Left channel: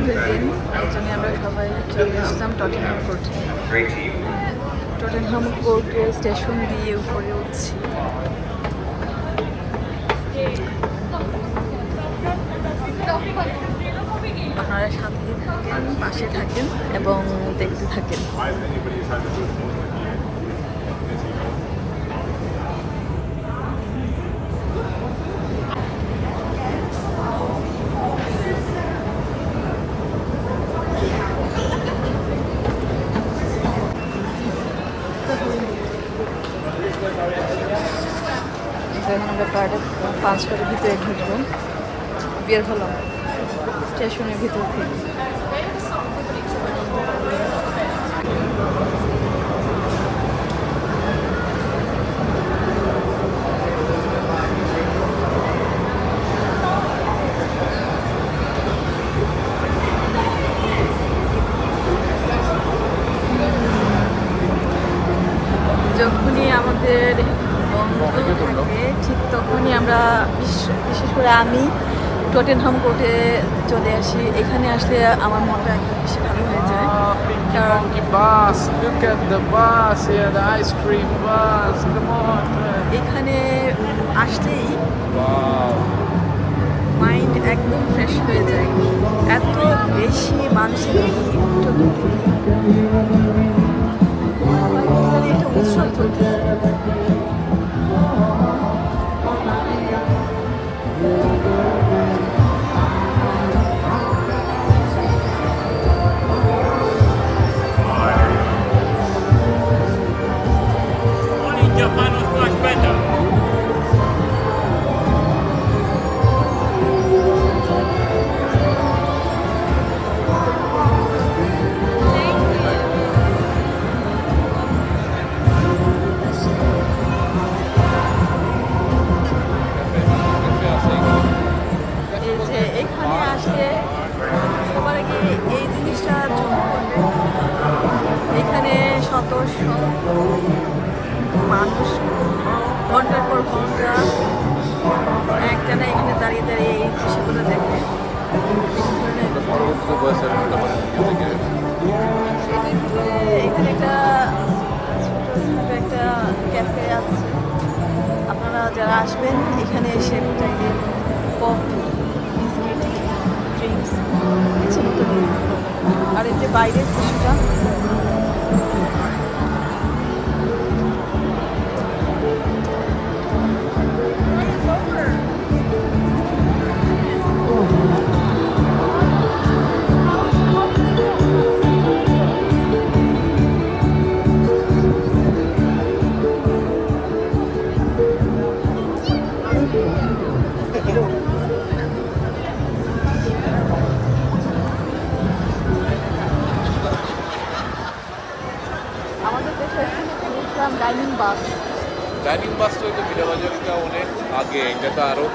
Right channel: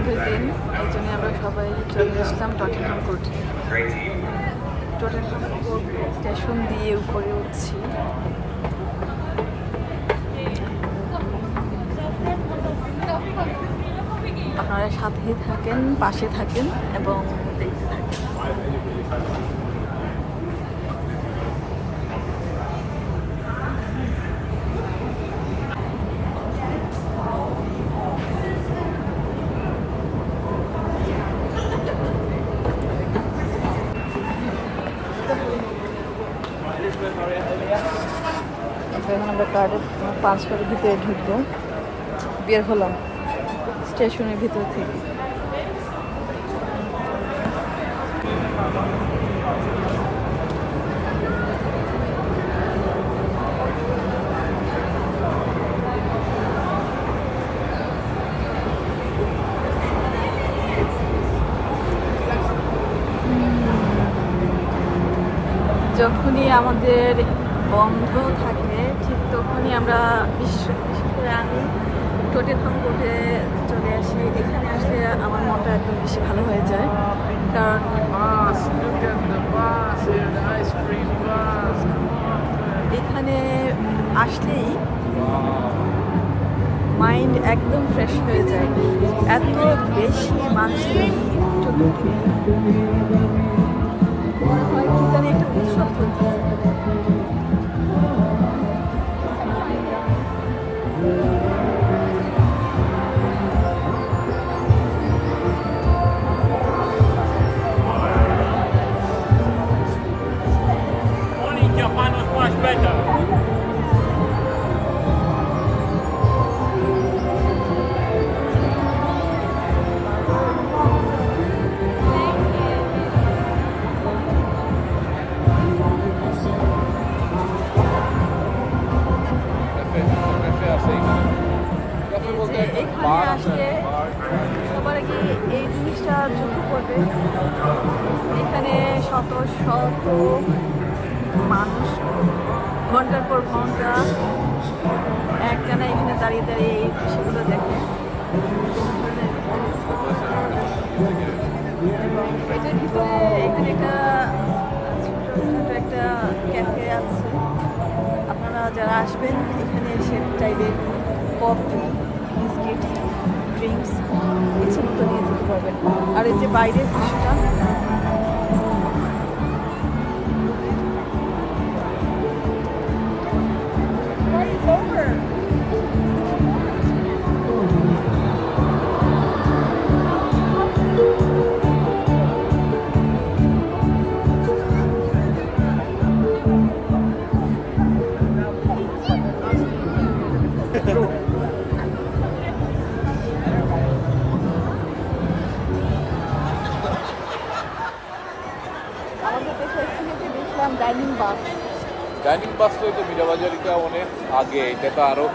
বন্ধের দিন, এই জন্য আমরা সবাই চলে আসলাম টটেনহাম কোর্টে। টটেনহাম কোর্টে স্টেশন দিয়ে উপরে উঠছি। আপনারা সাথে থাকেন, পাশে থাকেন এবং দেখতে থাকেন। এখন আমরা কার্ডে 5 কার্ডের ভিতরে ঢুকবো। বের হলাম স্টেশনের ভিতর থেকে। যখনই আমাদের বন্ধ থাকে ঠিক তখনই আমরা বিশেষ করে আমি টটেনহাম কোর্টে চলে আসি। এখানে আসলে আমার মনটা একদম বেশি ভালো হয়ে যায়, কারণ এখানে আসলেই মাইন্ড একদম ফ্রেশ হয়ে যায়। এত বেশি মানুষের ভিড় চতুর্দিকে, মনে হয় এখানে একটা উৎসব চলতেছে। এখানে আসলে সবার আগে এই জিনিসটা যোগ্য করবে। এখানে শত শত মানুষ ঘন্টার পর ঘন্টা একটানা এখানে দাঁড়িয়ে দাঁড়িয়ে এই দৃশ্যগুলো দেখে। এখানে একটা ছোটখাটো একটা ক্যাফে আছে। আপনারা যারা আসবেন এখানে এসে চাইলে কফি, বিস্কিট, ড্রিঙ্কস ইচ্ছে মতো নিয়ে যেতে পারবেন। আর এই যে বাইরের দৃশ্যটা, আমাদের দেশে দেখলাম ডাইনিং বাস। ডাইনিং বাসটা তো বিরাবাজারটা অনেক আগে, এটা তো আরো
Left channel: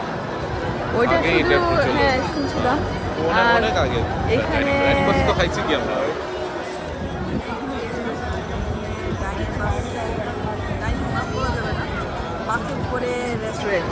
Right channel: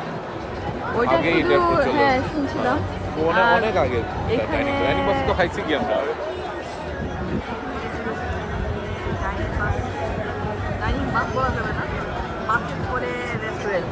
ওইটা শুধু হ্যাঁ শুনছিলাম। আর অনেক আগে এখানে তো খাইছি কি আমরা ডাইনিং বাস বলা যাবে না, বাসের পরে রেস্টুরেন্ট।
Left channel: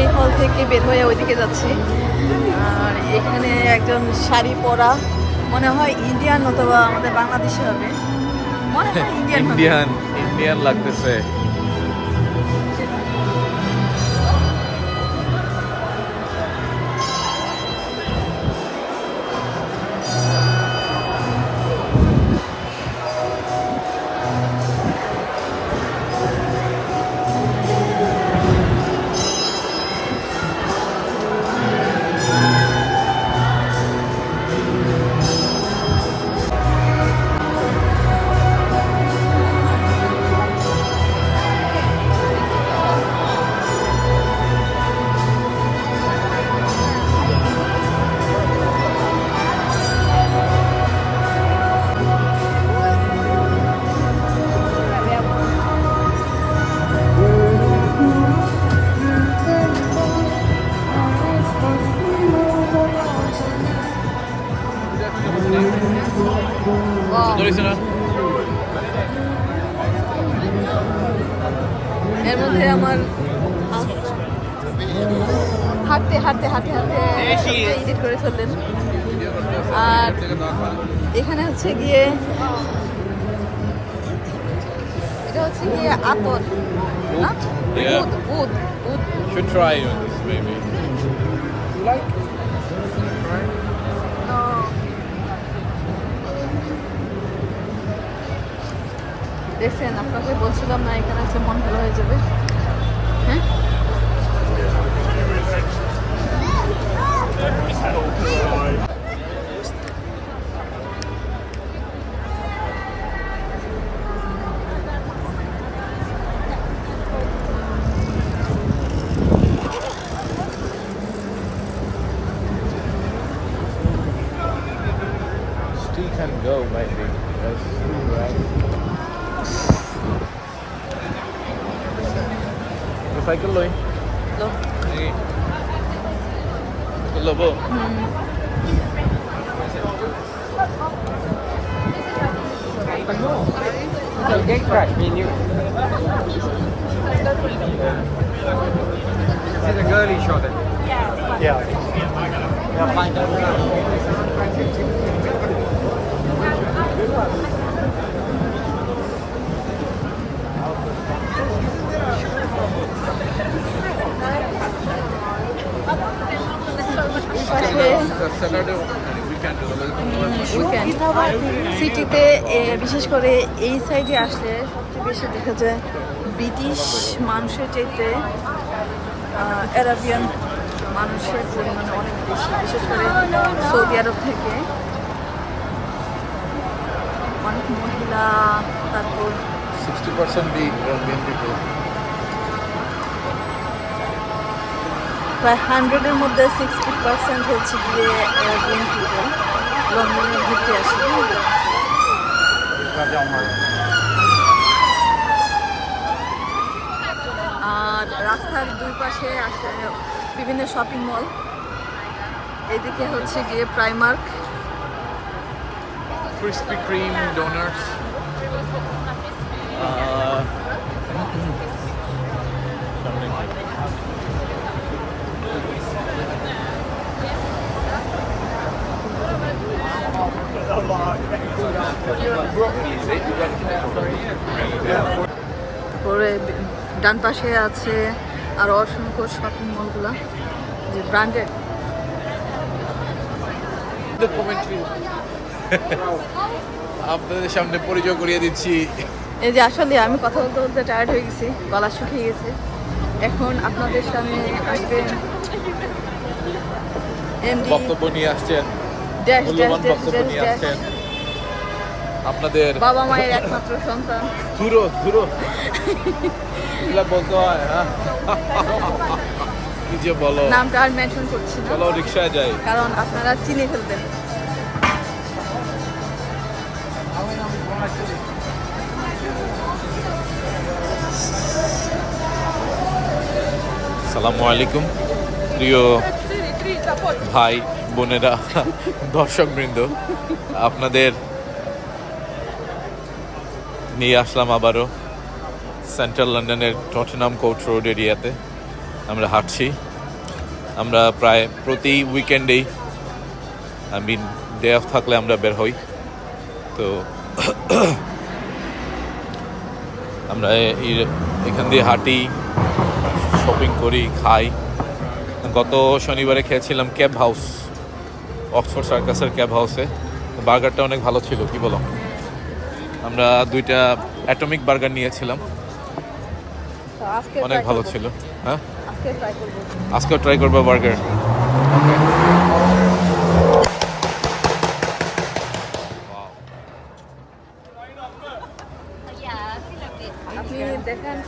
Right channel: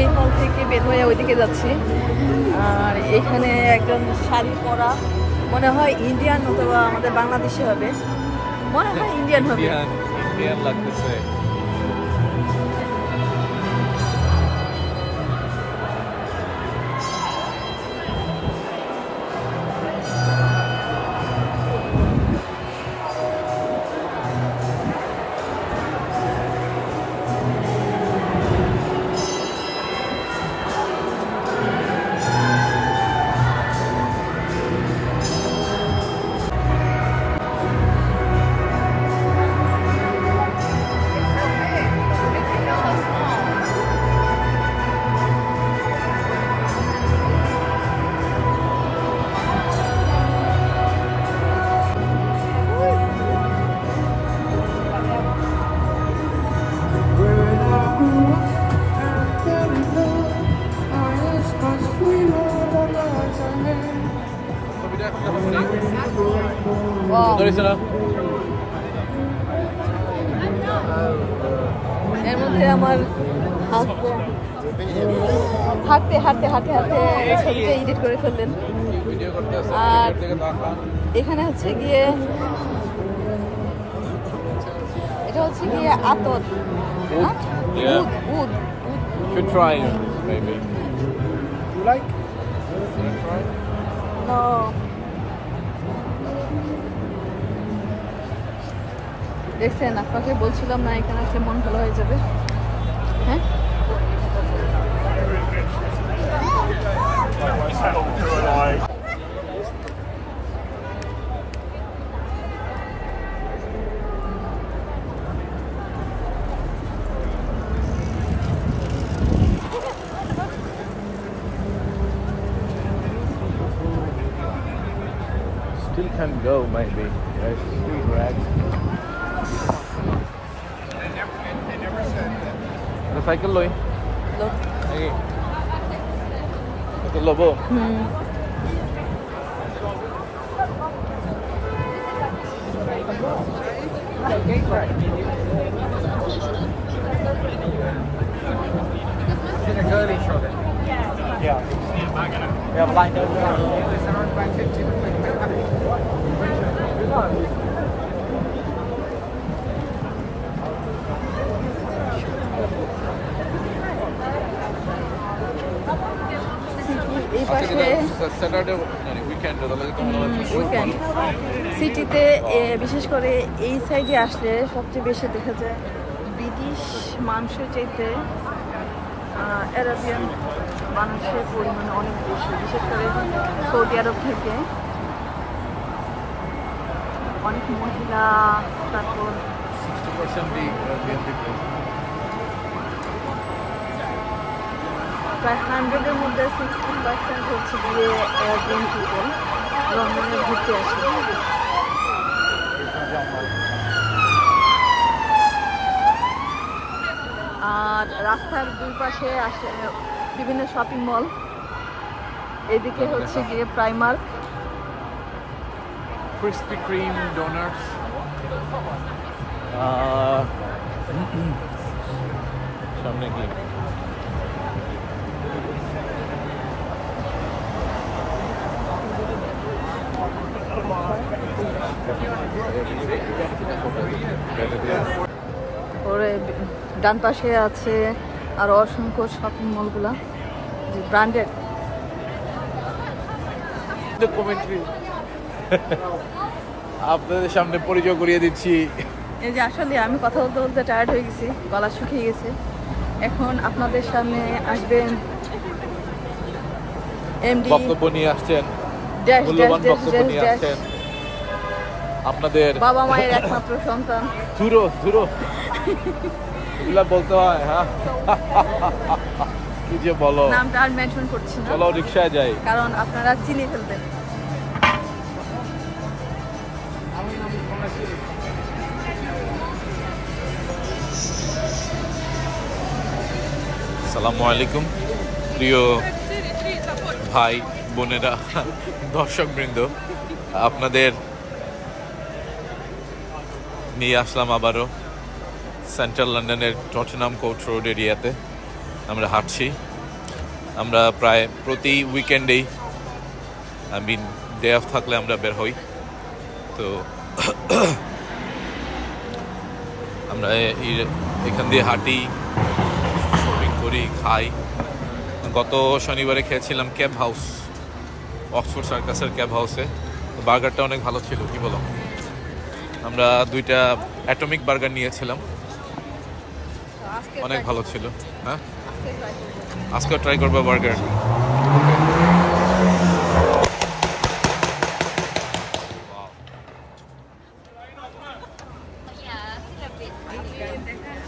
এই হল থেকে বের হয়ে ওইদিকে যাচ্ছি। আর এখানে একজন শাড়ি পরা, মনে হয় ইন্ডিয়ান অথবা আমাদের বাংলাদেশি হবে, মনে হয় ইন্ডিয়ান হবে। ইন্ডিয়ান লাগতেছে। Wow. সুন্দর হয়েছে না? এর মধ্যে আমার হাঁটতে হাঁটতে ছবিটা এডিট করে ফেললেন। আর এখানে হচ্ছে গিয়ে এটা হচ্ছে গিয়ে আতর, না? Yeah. উদ Should try this maybe. No. দেখছেন, আপনাকে বলছিলাম না এখানে আসলে মন ভালো হয়ে যাবে। হ্যাঁ, Still can go maybe. Yes. Recycle loy. look. Okay. Recycle lobo. এই পাশে Saturday weekend উইকেন্ড সিটিতে বিশেষ করে এই সাইডে আসলে সবচেয়ে বেশি দেখা যায় ব্রিটিশ মানুষের চাইতে আরাবিয়ান মানুষের পরিমাণে অনেক বেশি, বিশেষ করে সৌদি আরব থেকে অনেক মহিলা, তারপর 60% the Arabian people. প্রায় 100-এর মধ্যে 60% হচ্ছে গিয়ে আরাবিয়ান পিপল লন্ডনে ঘুরতে আসে। আর রাস্তার দুই পাশে আছে বিভিন্ন শপিং মল। এদিকে হচ্ছে গিয়ে প্রাইমার্ক, Krispy Kreme donuts. তারপরে ডান পাশে আছে আর অসংখ্য শপিং মলগুলা যে ব্র্যান্ডেড। আপনাদের সামনে পরিচয় করিয়ে দিচ্ছি। এই যে আসলে আমি কথা বলতে বলতে টায়ার্ড হয়ে গেছি, গলা শুকিয়ে গেছে। এখন আপনাদের সামনে আসবেন এমডি বক্তব্য নিয়ে আসছেন, ড্যাশ ড্যাশ মূল্যবান ড্যাশ বক্তব্য ড্যাশ নিয়ে ড্যাশ আসছেন। আপনাদের বাবা মায়ের একমাত্র সন্তান। ধুরো এগুলা বলতে হয় না, কি যে বলো। নামটা আর মেনশন করছি না, চলো রিক্সায় যাই। কারণ আপনারা চিনে ফেলবেন। আসসালামু আলাইকুম প্রিয় ভাই বোনেরা, দর্শকবৃন্দ, আপনাদের নিয়ে আসলাম আবারও সেন্ট্রাল লন্ডনের টটেনহাম কোর্ট রোড এরিয়াতে। আমরা হাঁটছি, আমরা প্রায় প্রতি উইকেন্ডেই ডে অফ থাকলে আমরা বের হই। তো আমরা এখান দিয়ে হাঁটি, শপিং করি, খাই। গত শনিবারে খেয়েছিলাম ক্যাব হাউস, অক্সফোর্ড সার্কাসের ক্যাব হাউসে। বার্গারটা অনেক ভালো ছিল, কি বলো? আমরা 2টা অ্যাটমিক বার্গার নিয়েছিলাম, অনেক ভালো ছিল। হ্যাঁ, আজকেও ট্রাই করবো বার্গার। ওকে, দেখেন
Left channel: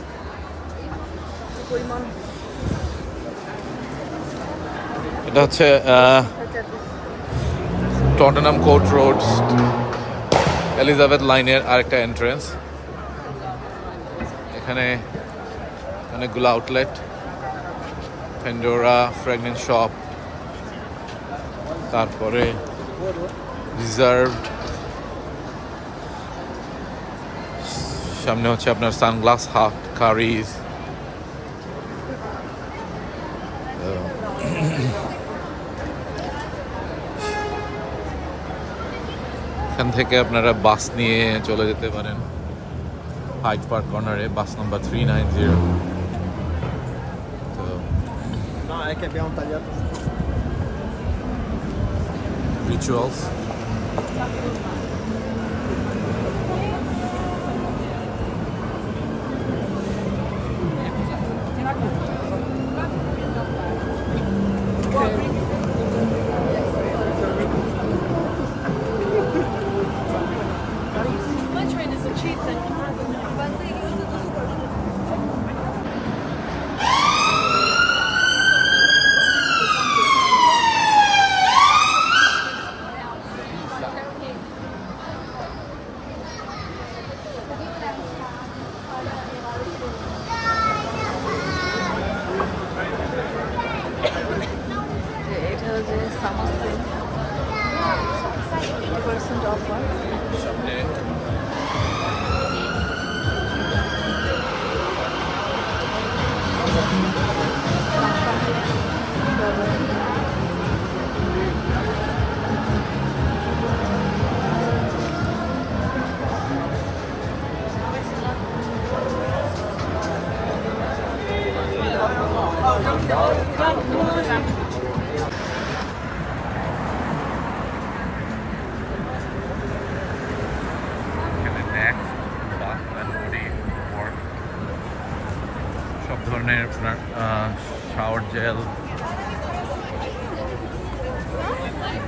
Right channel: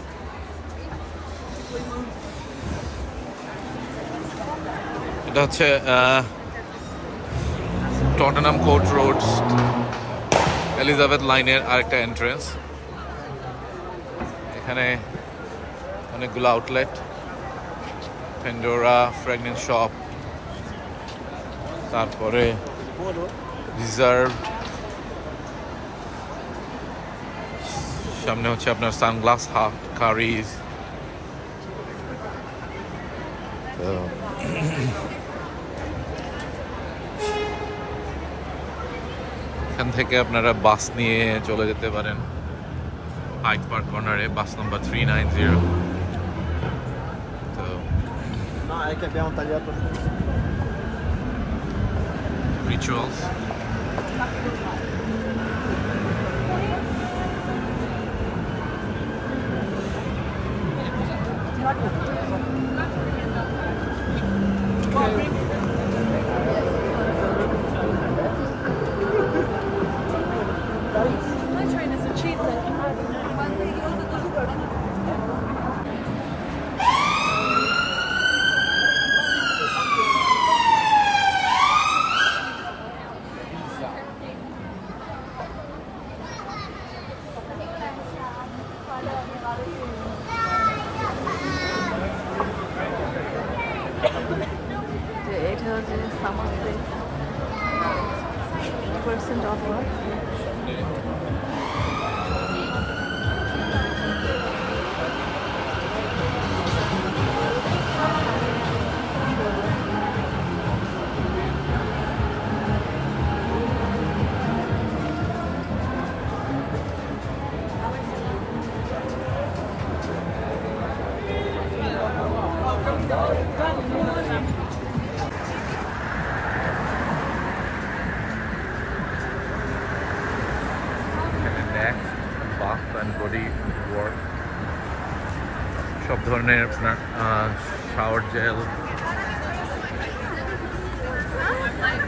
এটা হচ্ছে টটেনহাম কোর্ট রোড এলিজাবেথ লাইনের আরেকটা এন্ট্রেন্স। এখানে অনেকগুলো আউটলেট, ফেন্ডোরা, ফ্র্যাগনেন্স শপ, তারপরে রিজার্ভড। সামনে হচ্ছে আপনার সানগ্লাস হাট, কারিজ। এখান থেকে আপনারা বাস নিয়ে চলে যেতে পারেন হাইড পার্ক কর্নারে, bus number 390। Rituals. My train is a cheap thing. এটা হচ্ছে সামার সেল, 50% অফার। সব ধরনের আপনার shower gel,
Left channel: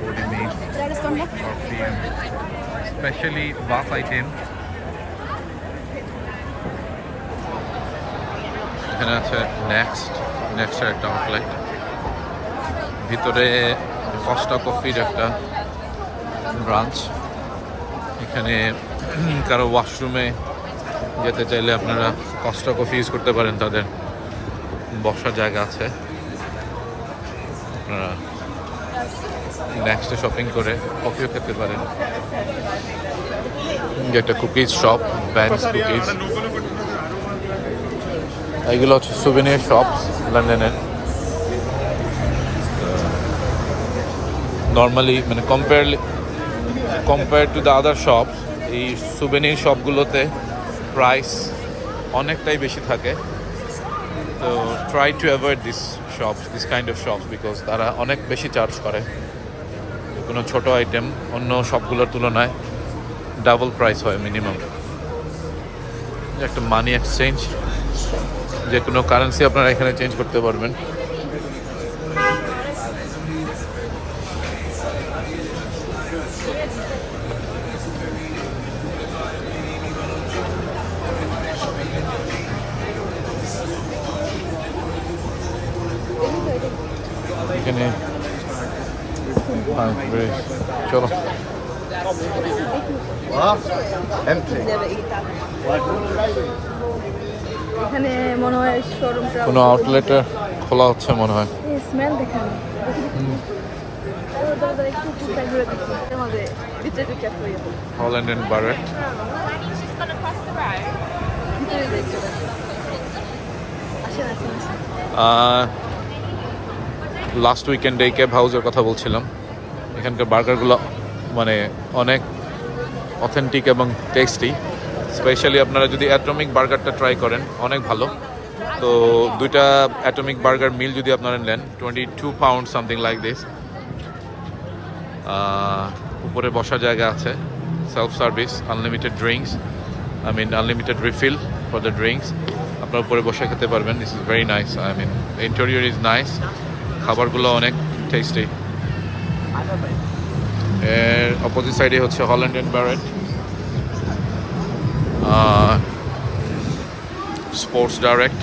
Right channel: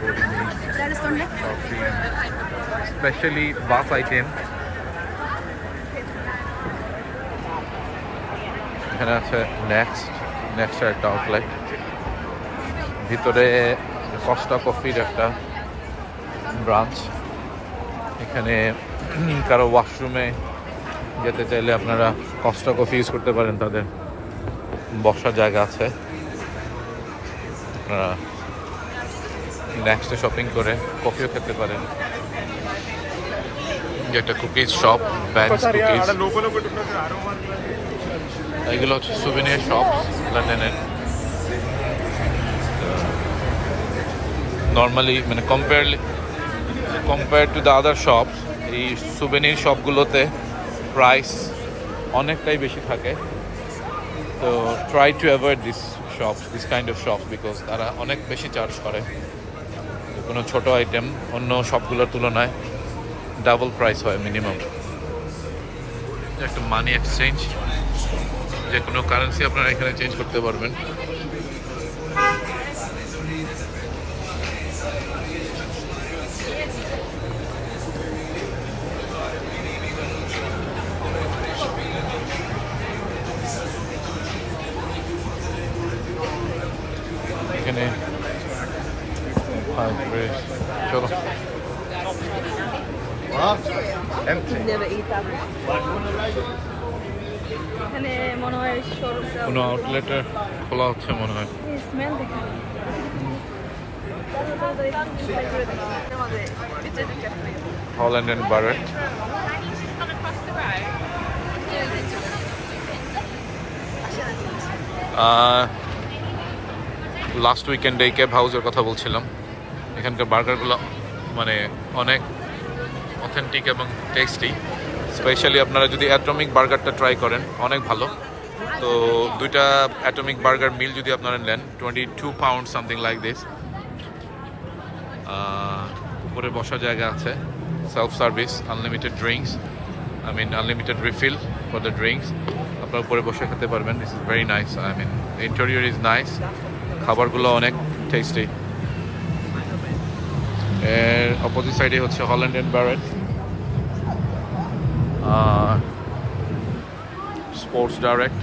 body mist, perfume, specially bath item. এখানে আছে নেক্সটের একটা আউটলেট, ভিতরে কস্টা কফির একটা ব্রাঞ্চ। এখানে কারো ওয়াশরুমে যেতে চাইলে আপনারা কস্টা কফি ইউজ করতে পারেন, তাদের বসার জায়গা আছে। আপনারা নেক্সটে শপিং করে কফিও খেতে পারেন। যেটা কুকিজ শপ, ব্যান্ডস কুকিজ। এইগুলো হচ্ছে সুভিনিয়ার শপ লন্ডনের। নর্মালি মানে compare to the other shop, এই সুভিনিয়ার শপগুলোতে প্রাইস অনেকটাই বেশি থাকে। তো try to avoid this kind of shops because তারা অনেক বেশি চার্জ করে। কোনো ছোট আইটেম অন্য শপগুলোর তুলনায় ডাবল প্রাইস হয় মিনিমাম। একটা মানি এক্সচেঞ্জ, যে কোনো কারেন্সি আপনারা এখানে চেঞ্জ করতে পারবেন। এখানে চলো এখানে মনে হয় কোনো আউটলেটে খোলা হচ্ছে মনে হয়। স্মেল দেখেন Holland and Barrett। লাস্ট উইকেন্ডে ক্যাব হাউসের কথা বলছিলাম। এখানকার বার্গারগুলো মানে অনেক অথেন্টিক এবং টেস্টি। স্পেশালি আপনারা যদি অ্যাটমিক বার্গারটা ট্রাই করেন, অনেক ভালো। তো দুইটা অ্যাটমিক বার্গার মিল যদি আপনারা নেন, 22 পাউন্ড সামথিং লাইক দিস। উপরে বসার জায়গা আছে, self service, unlimited drinks, unlimited refill for the drinks. আপনার উপরে বসে খেতে পারবেন। This is very nice. Interior is nice. খাবারগুলো অনেক টেস্টি। এর অপোজিট সাইডে হচ্ছে Holland and Barrett sports direct.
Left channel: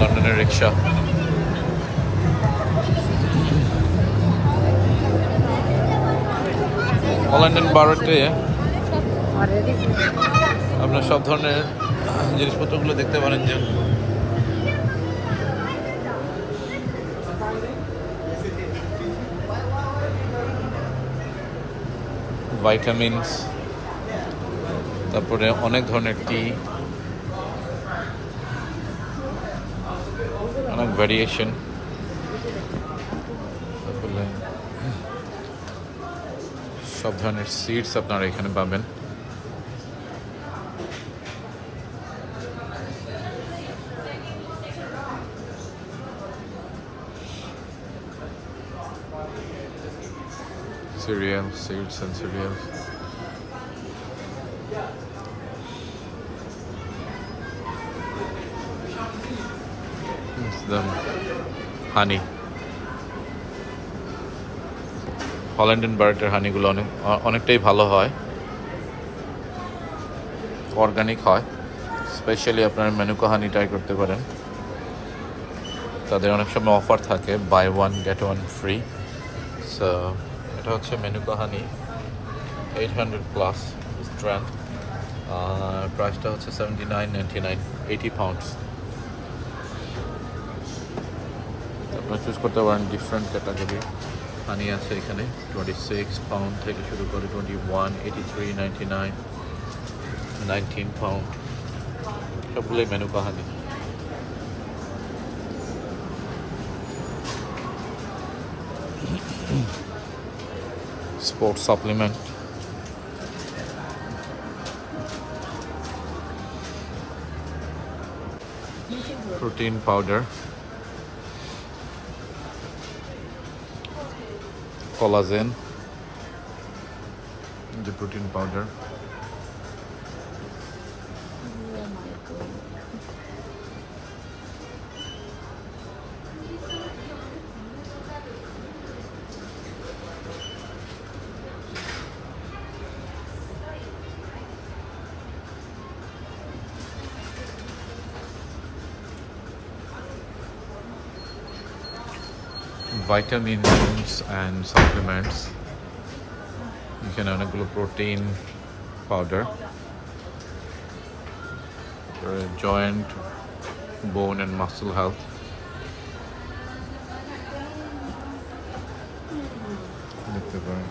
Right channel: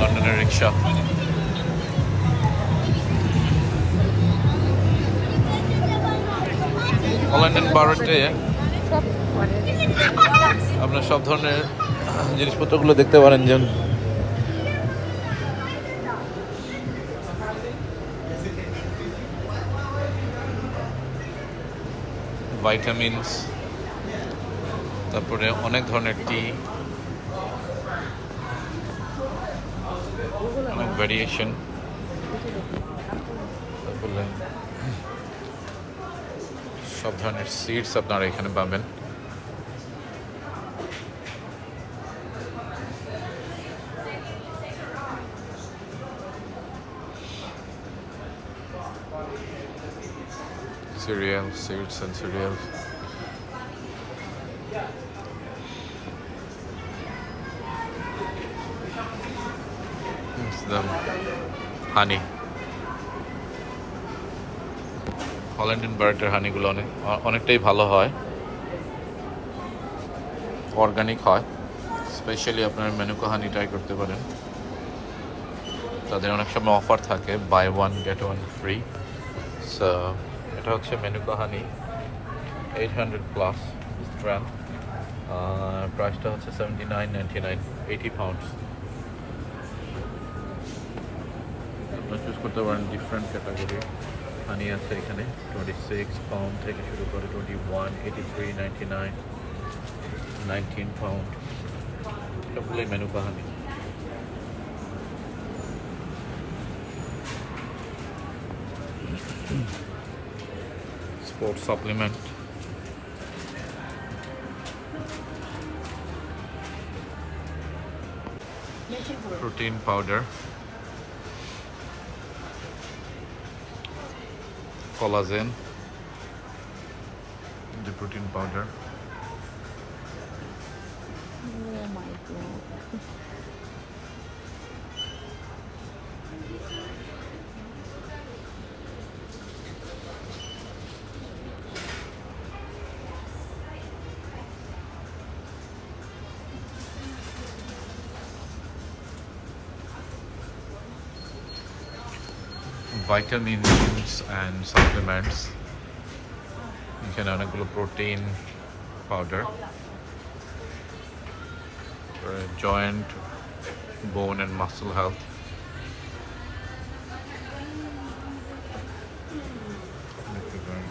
লন্ডনের রিক্সা। হল্যান্ড এন্ড ব্যারেটে আপনার সব ধরনের জিনিসপত্রগুলো দেখতে পারেন, যেমন ভাইটামিনস, তারপরে অনেক ধরনের টি, অনেক ভ্যারিয়েশন। তারপরে সব ধরনের সিডস আপনারা এখানে পাবেন। Cereal, seeds and cereals. It's the honey. হল্যান্ডেনবার্গের হানিগুলো অনেকটাই ভালো হয়, অর্গানিক হয়। স্পেশালি আপনার মেনুকা হানি ট্রাই করতে পারেন, তাদের অনেক সময় অফার থাকে, buy one get one free. So এটা হচ্ছে মেনুকা হানি, 800+ স্ট্র্যান্ড, প্রাইসটা হচ্ছে 79.99, 80 পাউন্ডস। আপনারা চুজ করতে পারেন ডিফারেন্ট ক্যাটাগরি হানি আছে এখানে, 26 পাউন্ড থেকে শুরু করে 21, 83, 99, 19 পাউন্ড, সবগুলোই মেনুকা হানি। Sports supplement, protein powder, collagen, the protein powder, vitamins and supplements, এখানে অনেকগুলো protein powder, joint, bone and muscle health, দেখতে পারেন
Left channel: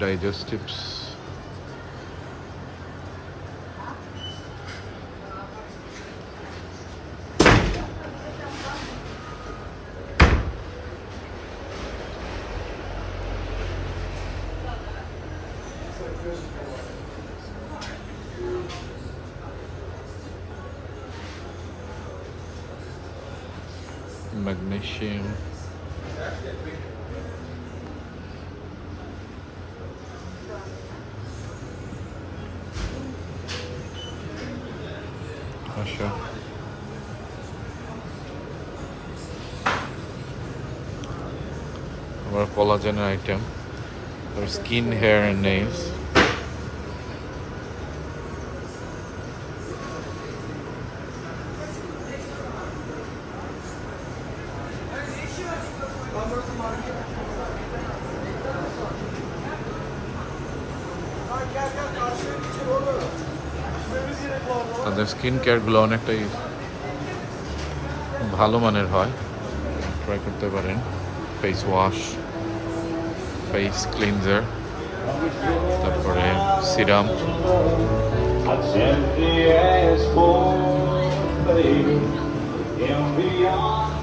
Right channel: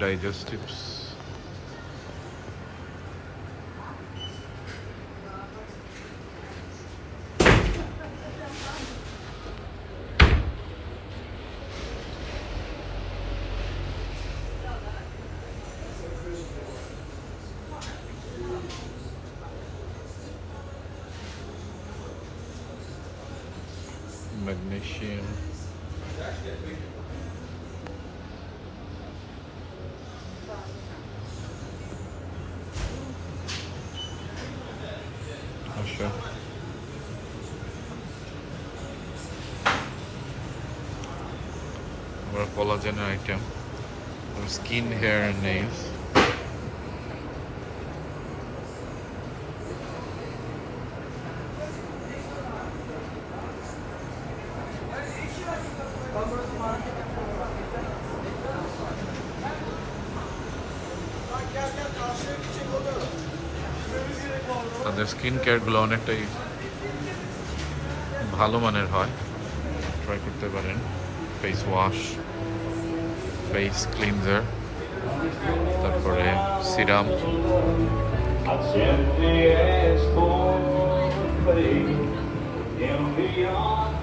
ডাইজেস্টিভস, magnesium, আচ্ছা আবার কোলাজেনের item, skin, hair and nails, তাদের স্কিন কেয়ারগুলো অনেকটাই ভালো মানের হয়, ট্রাই করতে পারেন। ফেস ওয়াশ, ফেস ক্লিনজার, তারপরে serum, I simply ask for faith in beyond